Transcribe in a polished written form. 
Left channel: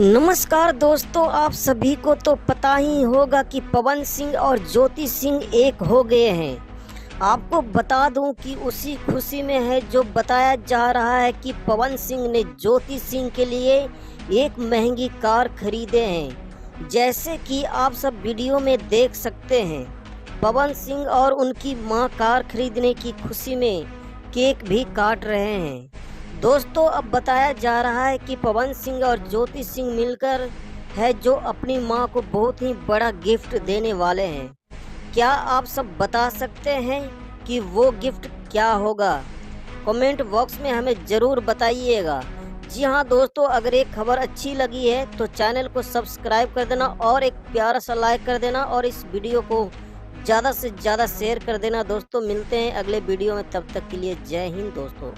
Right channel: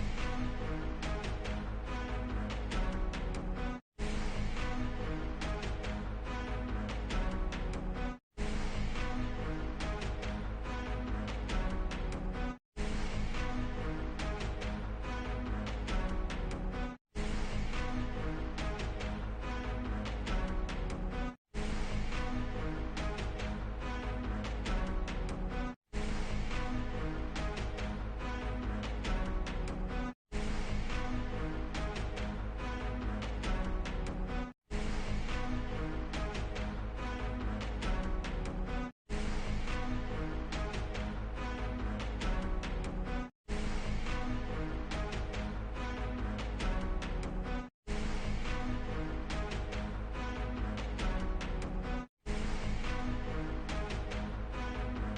नमस्कार दोस्तों, आप सभी को तो पता ही होगा कि पवन सिंह और ज्योति सिंह एक हो गए हैं। आपको बता दूं कि उसी खुशी में है जो बताया जा रहा है कि पवन सिंह ने ज्योति सिंह के लिए एक महंगी कार खरीदे हैं। जैसे कि आप सब वीडियो में देख सकते हैं, पवन सिंह और उनकी मां कार खरीदने की खुशी में केक भी काट रहे हैं। दोस्तों, अब बताया जा रहा है कि पवन सिंह और ज्योति सिंह मिलकर है जो अपनी मां को बहुत ही बड़ा गिफ्ट देने वाले हैं। क्या आप सब बता सकते हैं कि वो गिफ्ट क्या होगा? कमेंट बॉक्स में हमें ज़रूर बताइएगा। जी हाँ दोस्तों, अगर एक खबर अच्छी लगी है तो चैनल को सब्सक्राइब कर देना और एक प्यारा सा लाइक कर देना और इस वीडियो को ज़्यादा से ज़्यादा शेयर कर देना। दोस्तों, मिलते हैं अगले वीडियो में, तब तक के लिए जय हिंद दोस्तों।